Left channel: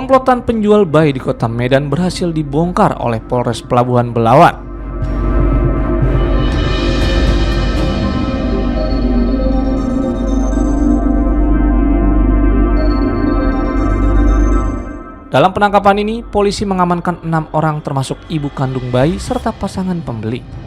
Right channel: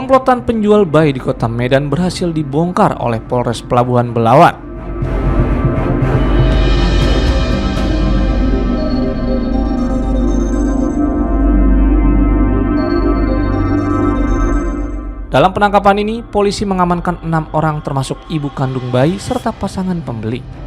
Komplotan penjual bayi di kota Medan berhasil dibongkar oleh Polres Pelabuhan Belawan. Dalam penangkapan ini, polisi mengamankan 6 orang termasuk ibu kandung bayi serta pasangan pembeli.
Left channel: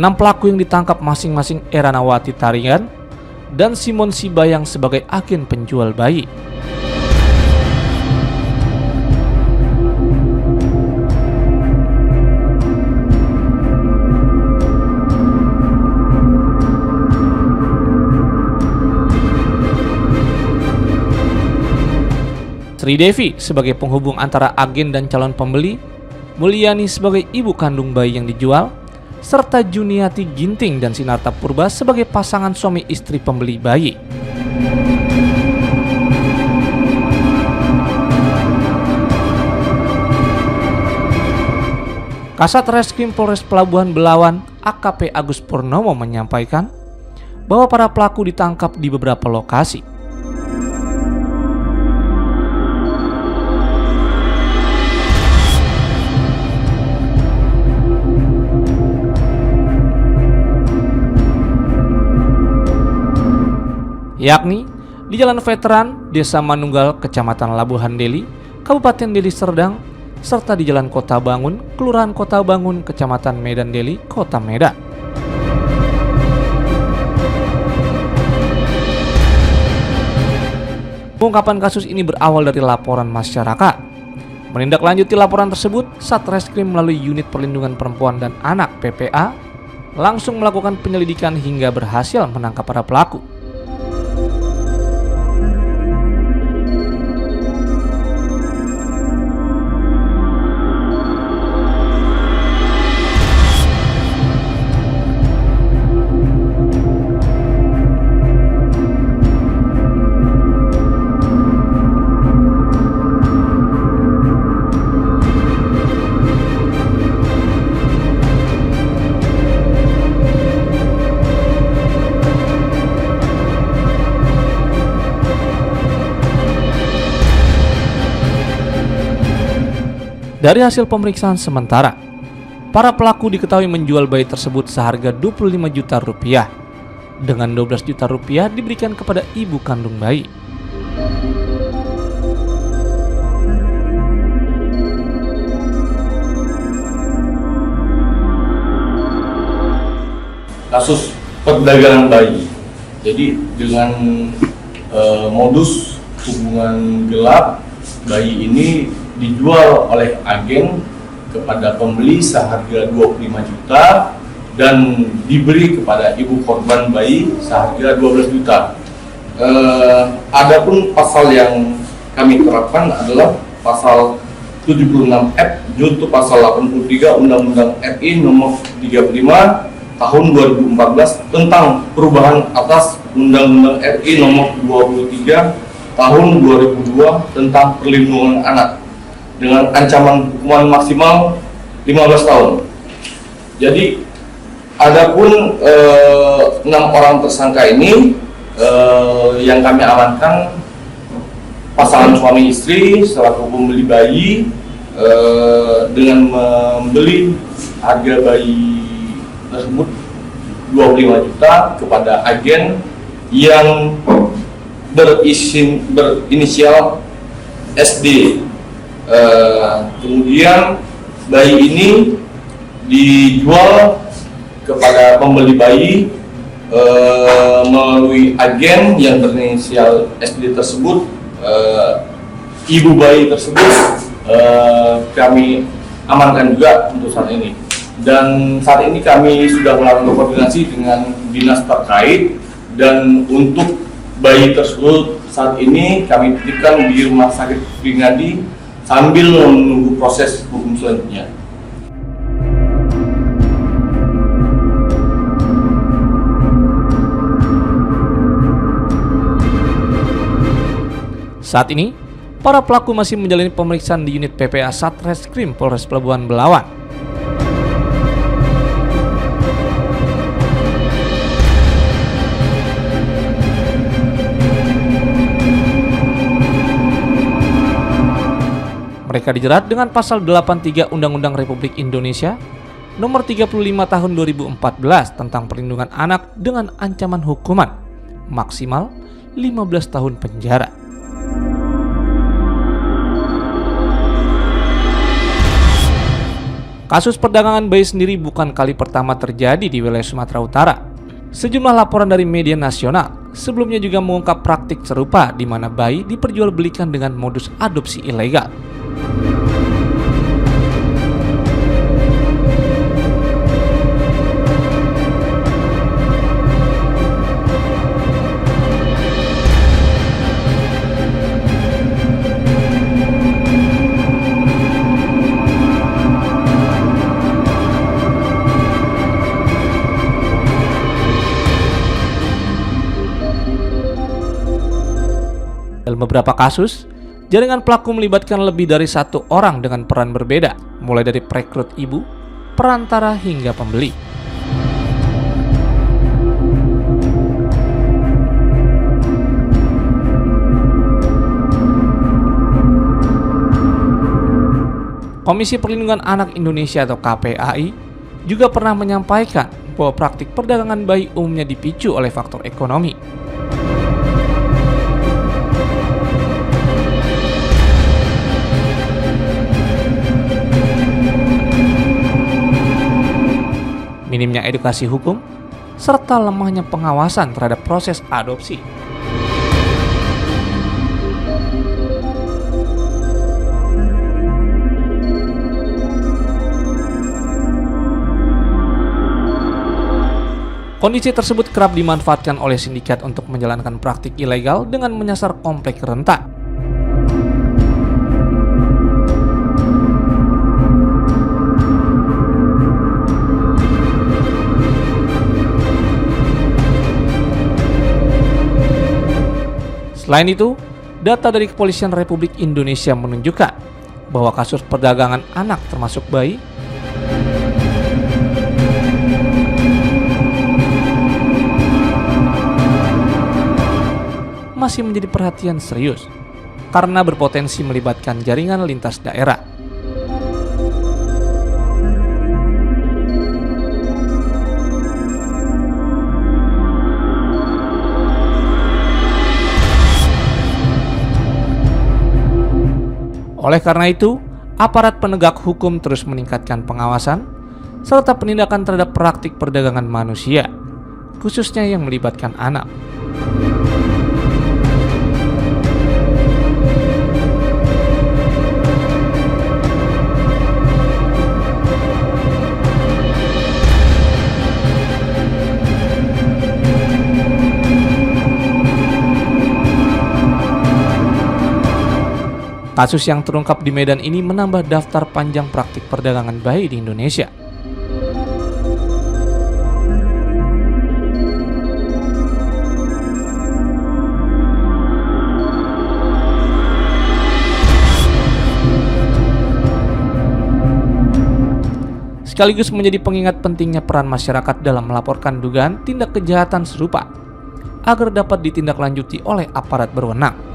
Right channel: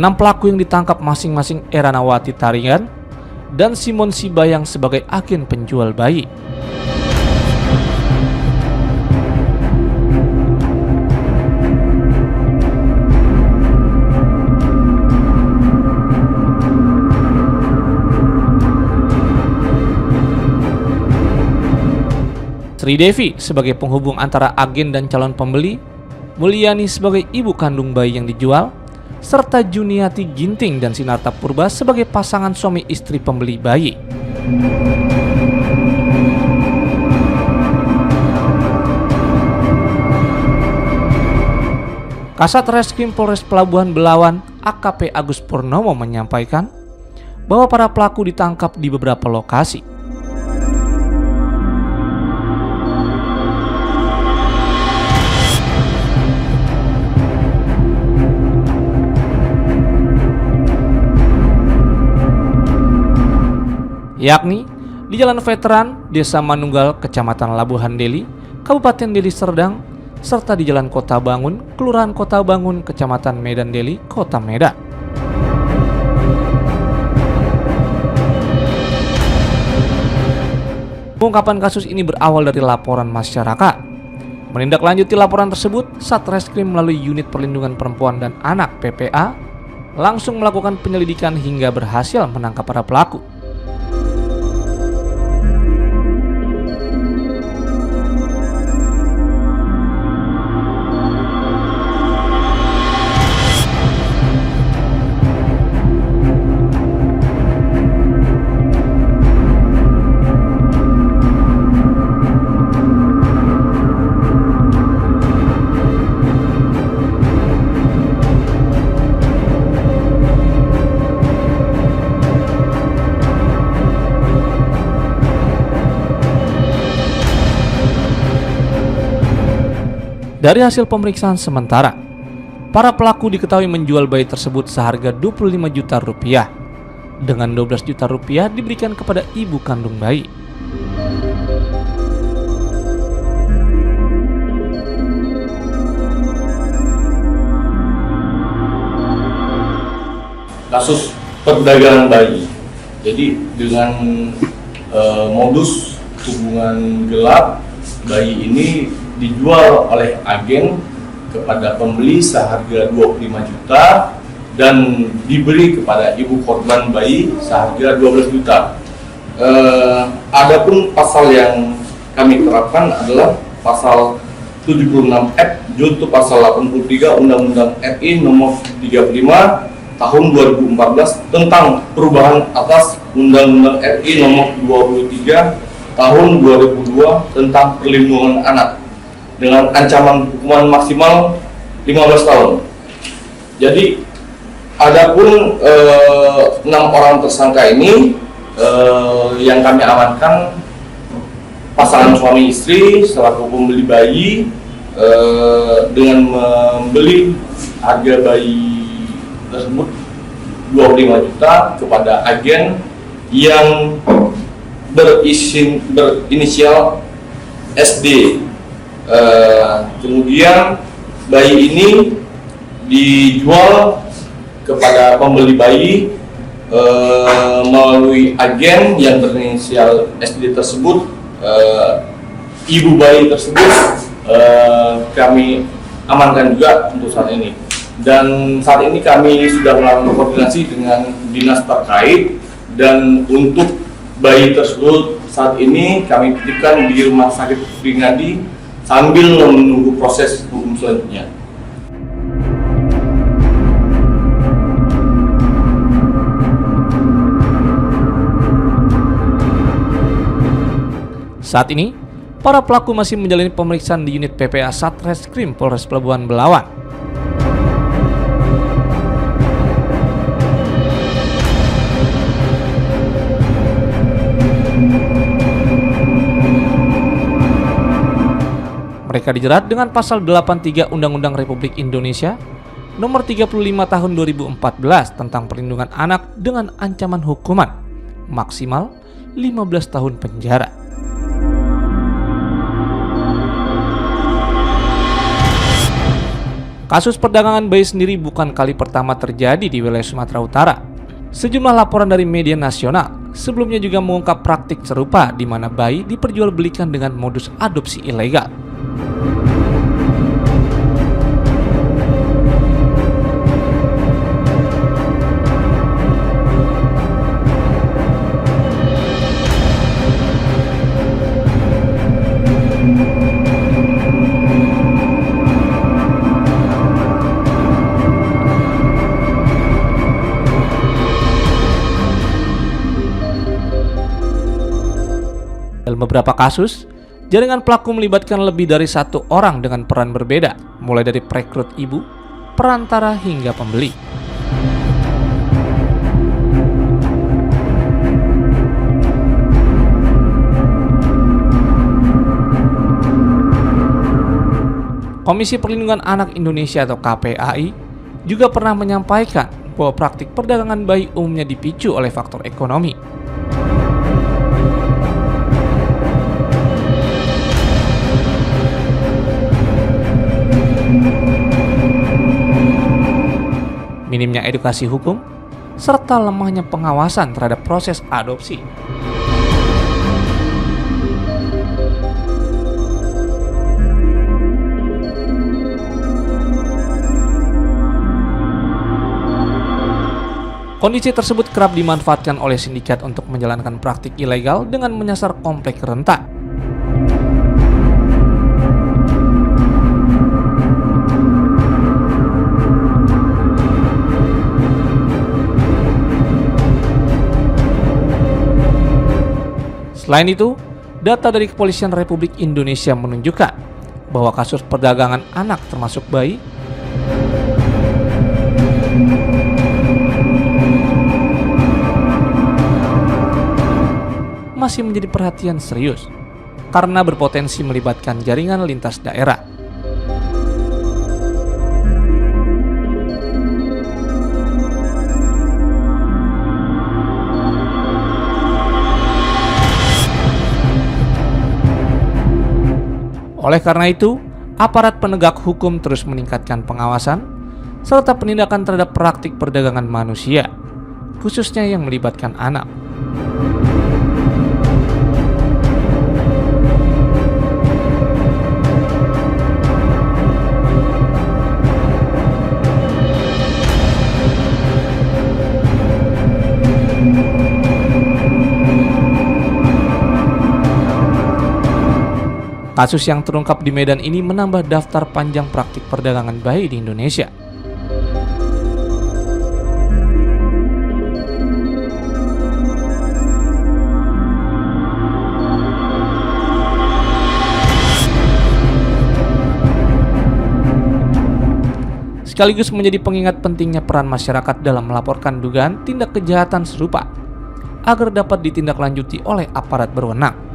Enam pelaku yang ditangkap masing-masing Eranawati Tarigan dan Simon Sibayang sebagai agen penjual bayi. Sri Devi sebagai penghubung antara agen dan calon pembeli, Mulyani sebagai ibu kandung bayi yang dijual, serta Juniati Ginting dan Sinarta Purba sebagai pasangan suami istri pembeli bayi. Kasat Reskrim Polres Pelabuhan Belawan AKP Agus Purnomo menyampaikan bahwa para pelaku ditangkap di beberapa lokasi. Yakni di Jalan Veteran, Desa Manunggal, Kecamatan Labuhan Deli, Kabupaten Deli Serdang, serta di Jalan Kota Bangun, Kelurahan Kota Bangun, Kecamatan Medan Deli, Kota Medan. Pengungkapan kasus ini berawal dari laporan masyarakat. Menindaklanjuti laporan tersebut, Satreskrim melalui Unit Perlindungan Perempuan dan Anak (PPA) langsung melakukan penyelidikan hingga berhasil menangkap para pelaku. Dari hasil pemeriksaan sementara, para pelaku diketahui menjual bayi tersebut seharga 25 juta rupiah, dengan 12 juta rupiah diberikan kepada ibu kandung bayi. Kasus perdagangan bayi. Jadi dengan modus hubungan gelap, bayi ini dijual oleh agen kepada pembeli seharga 25 juta dan diberi kepada ibu korban bayi seharga 12 juta. Adapun pasal yang kami terapkan adalah pasal 76F junto pasal 83 Undang-Undang RI nomor 35 tahun 2014 tentang perubahan atas Undang-Undang RI nomor 23 tahun 2002 tentang perlindungan anak, dengan ancaman hukuman maksimal 15 tahun. Jadi, adapun 6 orang tersangka ini yang kami amankan pasangan suami istri selaku pembeli bayi dengan membeli harga bayi tersebut 25 juta kepada agen yang berinisial SD. Kemudian bayi ini dijual kepada pembeli bayi melalui agen yang berinisial SD tersebut. Ibu bayi tersebut kami amankan juga untuk saat ini, dan saat ini kami sudah melakukan koordinasi dengan dinas terkait, dan untuk bayi tersebut saat ini kami titipkan di Rumah Sakit Pringadi sambil menunggu proses hukum selanjutnya. Saat ini, para pelaku masih menjalani pemeriksaan di unit PPA Satreskrim Polres Pelabuhan Belawan. Mereka dijerat dengan pasal 83 Undang-Undang Republik Indonesia Nomor 35 Tahun 2014 tentang perlindungan anak dengan ancaman hukuman maksimal 15 tahun penjara. Kasus perdagangan bayi sendiri bukan kali pertama terjadi di wilayah Sumatera Utara. Sejumlah laporan dari media nasional sebelumnya juga mengungkap praktik serupa di mana bayi diperjualbelikan dengan modus adopsi ilegal. Dalam beberapa kasus, jaringan pelaku melibatkan lebih dari satu orang dengan peran berbeda, mulai dari perekrut ibu, perantara hingga pembeli. Komisi Perlindungan Anak Indonesia atau KPAI juga pernah menyampaikan bahwa praktik perdagangan bayi umumnya dipicu oleh faktor ekonomi. Minimnya edukasi hukum, serta lemahnya pengawasan terhadap proses adopsi. Kondisi tersebut kerap dimanfaatkan oleh sindikat untuk menjalankan praktik ilegal dengan menyasar komplek rentan. Selain itu, data dari Kepolisian Republik Indonesia menunjukkan bahwa kasus perdagangan anak termasuk bayi masih menjadi perhatian serius karena berpotensi melibatkan jaringan lintas daerah. Oleh karena itu, aparat penegak hukum terus meningkatkan pengawasan serta penindakan terhadap praktik perdagangan manusia, khususnya yang melibatkan anak. Kasus yang terungkap di Medan ini menambah daftar panjang praktik perdagangan bayi di Indonesia. Sekaligus menjadi pengingat pentingnya peran masyarakat dalam melaporkan dugaan tindak kejahatan serupa agar dapat ditindaklanjuti oleh aparat berwenang.